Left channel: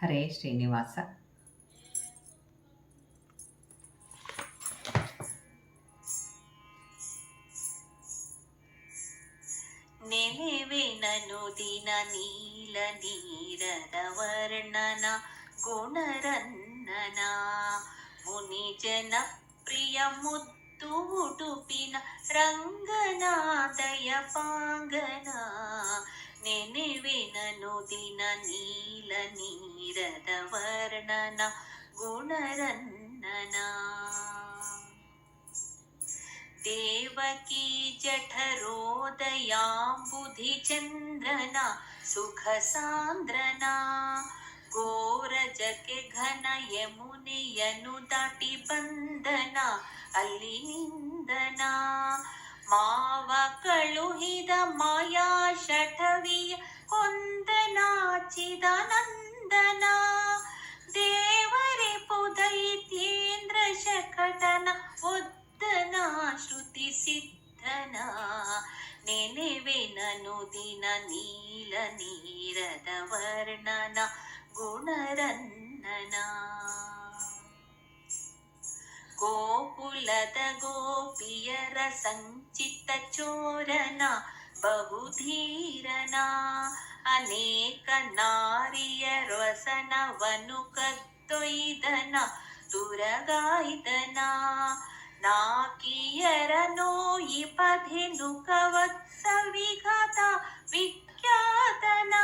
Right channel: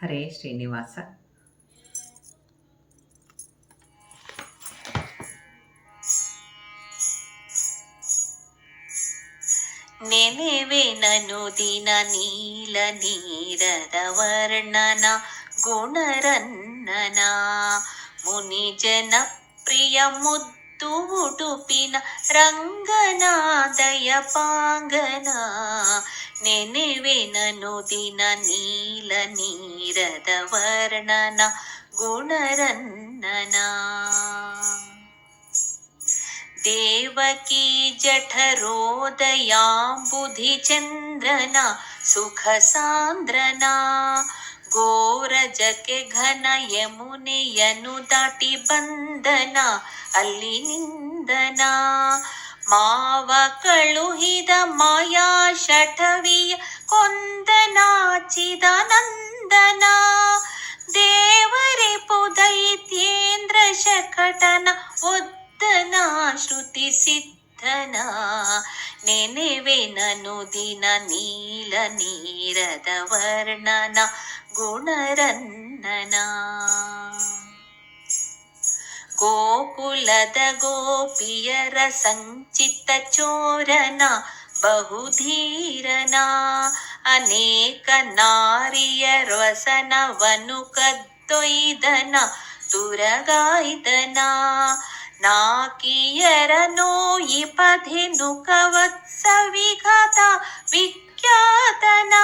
ಹರೇ ಶ್ರೀನಿವಾಸ. ನೆನೆವೆನನು ದಿನ ನೀಲ ನೀರದ ವರ್ಣನ ಗುಣರನ್ನನ ಮುನಿಜನ ಪ್ರಿಯ ಮುದ್ದು ಉಡುಪಿನ ರಂಗನಾದಯ ಪಾಂಗನ. ನೆನೆವೆನನು ದಿನ ನೀಲ ನೀರದ ವರ್ಣನ ಗುಣರನ್ನನ. ದೇವಕೀ ಜಠರೋದಯಾಂಬುಧಿ ಚಂದ್ರನ ಸುಖ ಸಾಂದ್ರನ. ಗೋರಜಕ್ಕೆ ಘನ ಯಮುನೆಯನು ದಾಟಿ ಬಂದನ ಅಲ್ಲಿ ನಿಂದನ. ಮಾವ ಕಳುಹಿದ ಮಾಯಾ ಶಠವಿಯ ಕೊಂದನಾಚಿದ ನಂದನ. ದೇವರಿಪು ದೈತ್ಯೇಂದ್ರ ಶಕಟನ ಒದ್ದನ ಶ್ರುತಿ ಸಿದ್ಧನ. ನೆನೆವೆನನು ದಿನ ನೀಲ ನೀರದ ವರ್ಣನ ಗುಣರನ್ನನ. ಗೋಕುಲದ ಗೋಪಿಯರ ಸಂಚಿತ ಚೋರನ ಬಹುಧೀರನ. ಅನೇಕ ನಾರಿಯರವಸನವನು ಕದ್ದೊಯ್ದನ ತುರಗಾಯ್ದನ. ನಾಕಿಯರ ನೋಯಿಪಧೆನುಕ ವತ್ಸವಿಘಾತ ವಿಖ್ಯಾತನ.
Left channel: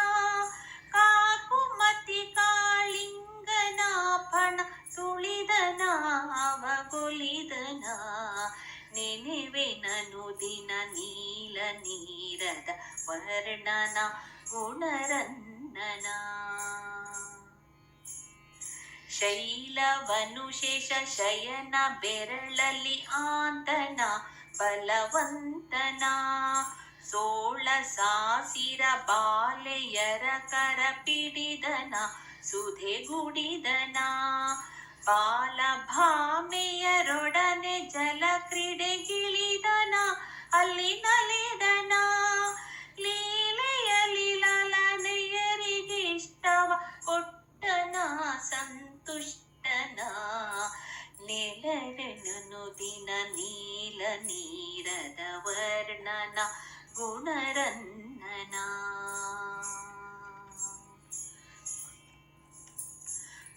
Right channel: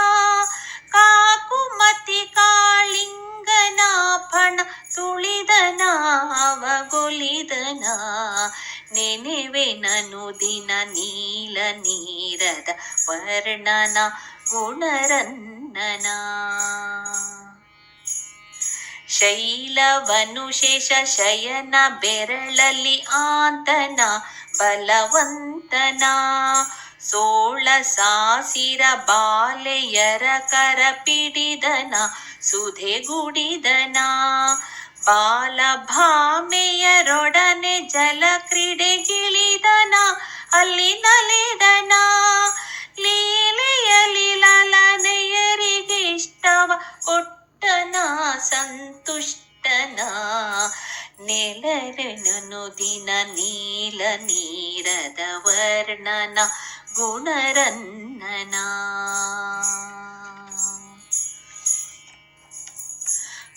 ಕಾಕುಮತಿ ಕಾಳಿಂಗನ ಫಣ ತುಳಿದನ ಅವಗೊಲಿದನ. ನೆನೆವೆನನು ದಿನ ನೀಲ ನೀರದ ವರ್ಣನ ಗುಣರನ್ನನ. ಶೈಲವನು ಶೇಷ ಶಯನ ಬೆರಳಲ್ಲಿ ಆಂತನ ಬಲವಂತನ. ಸೋಳ ಸಾಸಿರ ಬಾಲೆಯರ ಕರ ಪಿಡಿದನ ಸುಧೆಗುಡಿದನ. ಬಾಲಭಾಮೆಯರೊಡನೆ ಜಲ ಕ್ರೀಡೆಗಿಳಿದನ ಅಲ್ಲಿ ನಲಿದನ. ಲೀಲೆಯಲಿ ಲಲನೆಯರಿಗೆ ಇಷ್ಟವ ಕೊಟ್ಟನ ಸಂತುಷ್ಟನ. ನೆಲರೆನನು ದಿನ ನೀಲ ನೀರದ ವರ್ಣನ ಗುಣರನ್ನನ.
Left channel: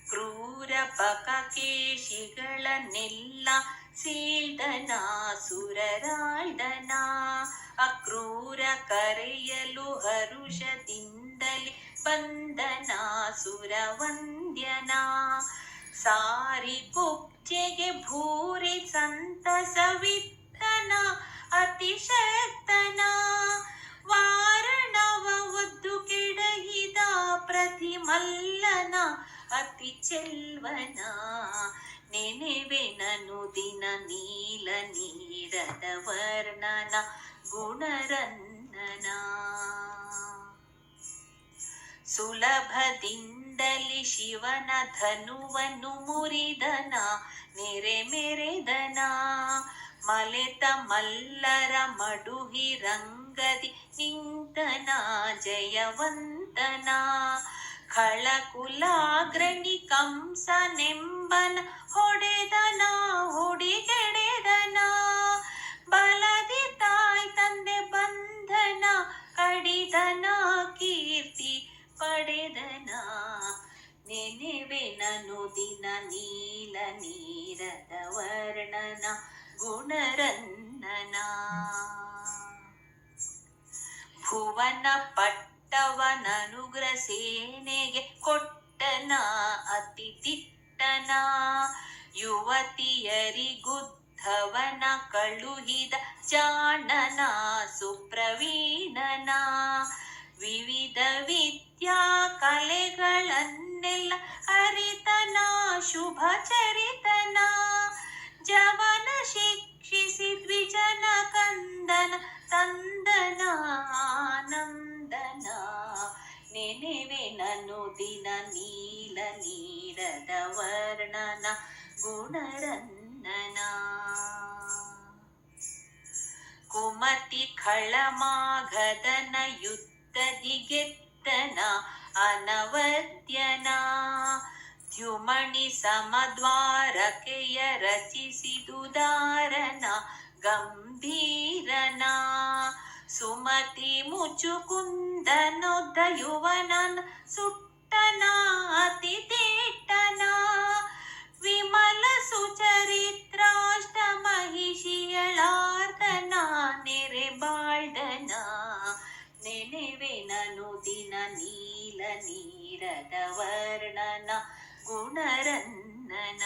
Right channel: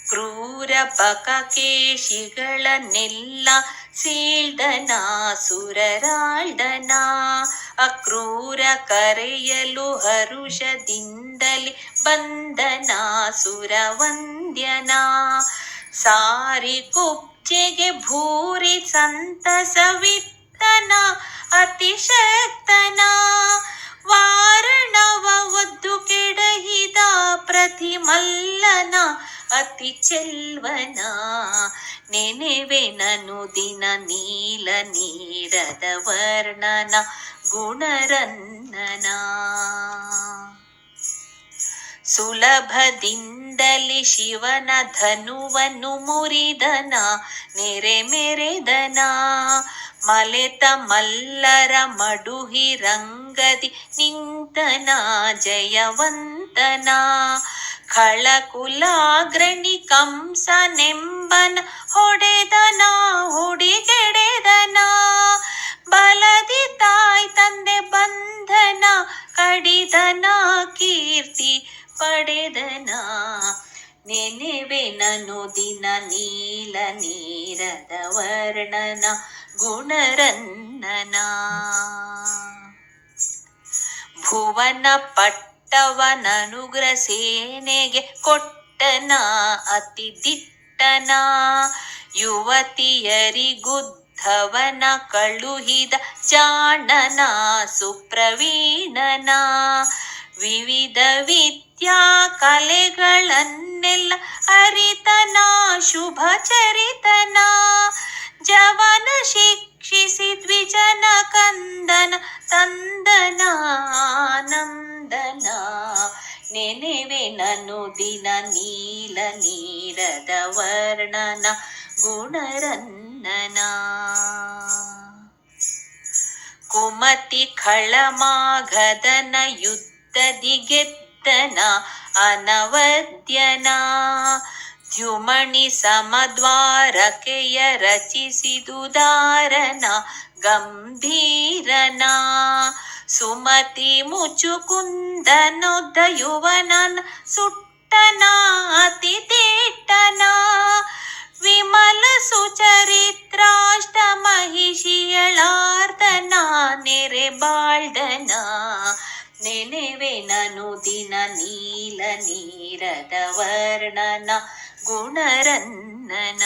ಕ್ರೂರ ಬಕಕೇಶಿಗಳನ್ನೆಲ್ಲ ಸೀಳ್ದನ ಸುರರಾಳ್ದನ. ಅಕ್ರೂರ ಕರೆಯಲು ಹರುಷದಿಂದಲೇ ಬಂದನ ಸುರವಂದ್ಯನ. ಸಾರಿ ಕುಬ್ಜೆಗೆ ಭೂರಿ ಸಂತಸವಿತ್ತನ ಅತಿಶಕ್ತನ. ವಾರಣವ ಒದ್ದು ಕೆಡಹಿದ ಪ್ರತಿಮಲ್ಲನ ಅತಿ ಚೆಲ್ವನ. ನೆನೆವೆನನು ದಿನ ನೀಲ ನೀರದ ವರ್ಣನ ಗುಣರನ್ನನ. ಸುಲಭದಿಂದಲೇ ಶಿವನ ಧನುವನ್ನು ಮುರಿದನ ನೆರೆ ಮೆರೆದನ. ಮಲೆತ ಮಲ್ಲರ ಮಡುಹಿ ರಂಗದಿ ನಿಂತನ ಜಯವಂತನ. ಖಳಕುಲಾಗ್ರಣಿ ಕಂಸನೆಂಬನ ಹೊಡೆದನ ಹುಡಿಗೆಡೆದನ. ಬಲದಿ ತಾಯ್ ತಂದೆ ಬಂಧನ ಕಡಿದನ ಕೀರ್ತಿ ಪಡೆದನ. ನೆನೆವೆನನು ದಿನ ನೀಲ ನೀರದ ವರ್ಣನ ಗುಣರನ್ನನ. ಭುವನ ಪಟ್ಟವನನುಗ್ರ ಸೇನೆಗೆ ಕೊಟ್ಟನ ಅತಿ ದಿಟ್ಟನ. ಯುವತಿಯರಿಗುದ್ಧವನ ಕಳುಹಿದ ಜಾಣನ ಸುಪ್ರವೀಣನ. ವಿವಿಧ ವಿದ್ಯಾ ಕಲೆಗಳನ್ನೆಲ್ಲ ಅರಿತನ ಶುಭ ಚರಿತನ. ಜವನ ಶಿಕ್ಷಿಸಿ ದ್ವಿಜನ ಕಂದನ ತಂದನ ಆನಂದನ. ನೆನೆವೆನನು ದಿನ ನೀಲ ನೀರದ ವರ್ಣನ ಗುಣರನ್ನನ. ಕುಮತಿ ಖಳಮಾಘದನ ಯುದ್ಧದಿ ಗೆದ್ದ ಕೀರ್ತನ ಅನವದ್ಯನ ದ್ಯುಮಣಿ ಸಮದ್ವಾರಕೆಯ ರಚಿಸಿದುದಾರನ ಗಂಭೀರನ ಸುಮತಿ ಮುಚುಕುಂದನೊದ್ದ ಯುವನನ ಸುಟ್ಟನ ಅತಿ ತೇಟ್ಟನ ವಿಮಲ ಸುಚರಿತ್ರಾಷ್ಟ ಮಹಿಷಿಯಳಾರ್ದನ ನೆರೆ ಬಾಳ್ದನ ನೆನೆವೆನನು ದಿನ ನೀಲ ನೀರದ ವರ್ಣನ ಗುಣರನ್ನನ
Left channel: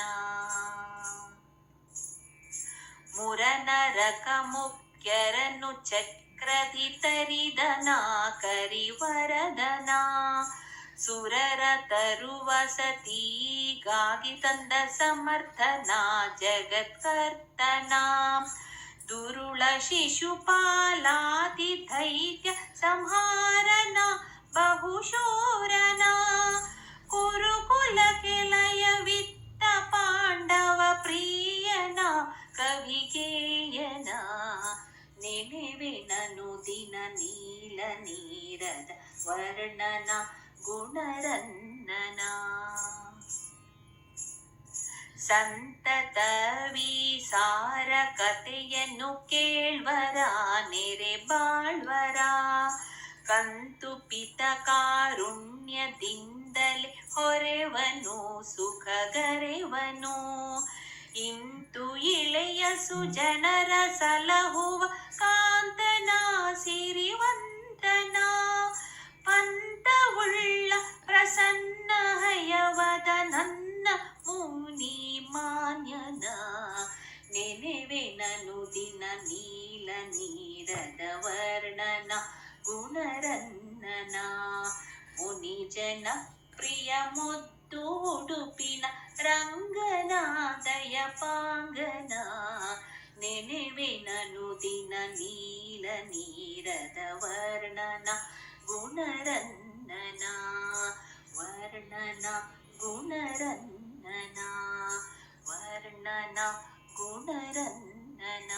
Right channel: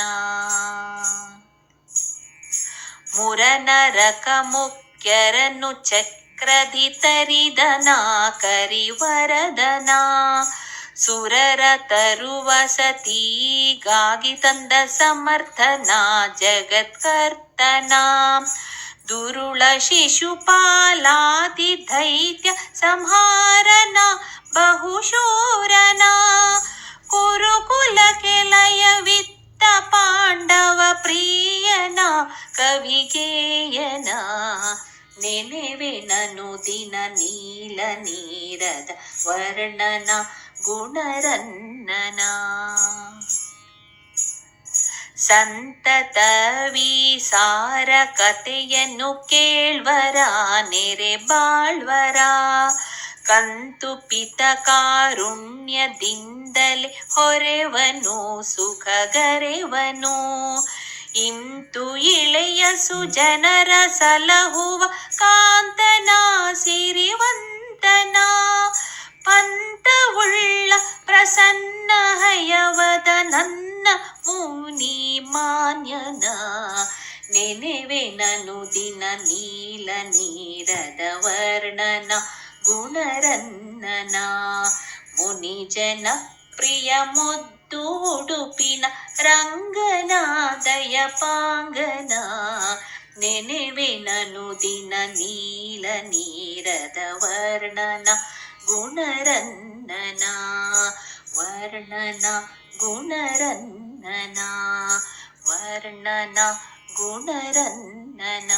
ಮುರನರಕ ಮುಖ್ಯರನ್ನು ಚಕ್ರಧಿ ತರಿದನ ಕರಿವರದನ ಸುರರ ತರುವ ಸತಿಗಾಗಿ ತಂದ ಸಮರ್ಥನ ಜಗತ್ಕರ್ತನ ದುರುಳ ಶಿಶುಪಾಲಾದಿ ದೈತ್ಯ ಸಂಹಾರನ ಬಹುಶೂರನ ಕುರುಕುಲಕ್ಕೆ ಲಯವಿತ್ತ ಪಾಂಡವ ಪ್ರಿಯನ ಕವಿಗೇಯನ ನೆನೆವೆನನು ದಿನ ನೀಲ ನೀರದ ವರ್ಣನ ಗುಣರನ್ನನ ಸಂತತ ವಿಸಾರ ಕಥೆಯನ್ನು ಕೇಳ್ವರ ನೆರೆ ಬಾಳ್ವರ ಕಂತುಪಿತ ಕಾರುಣ್ಯದಿಂದಲೇ ಹೊರೆವನು ಸುಖಗರೆವನು ಇಂತು ಇಳೆಯ ಸುಜನರ ಸಲಹುವ ಕಾಂತನ ಸಿರಿವಂತನ ಪಂತವುಳ್ಳ ಪ್ರಸನ್ನ ಹಯವದ ನನ್ನ ಮುನಿ ಮಾನ್ಯನ ನೆನೆವೆನನು ದಿನ ನೀಲ ನೀರದ ವರ್ಣನ ಗುಣರನ್ನನ ಮುನಿಜನ ಪ್ರಿಯ ಮುದ್ದು ಉಡುಪಿನ ರಂಗನಾದಯ ಪಾಂಗನ ನೆನೆವೆನನು ದಿನ ನೀಲ ನೀರದ ವರ್ಣನ ಗುಣರನ್ನನ ವರ್ಣನ ಗುಣರನ್ನನ ವರ್ಣನ ಗುಣರನ್ನನ.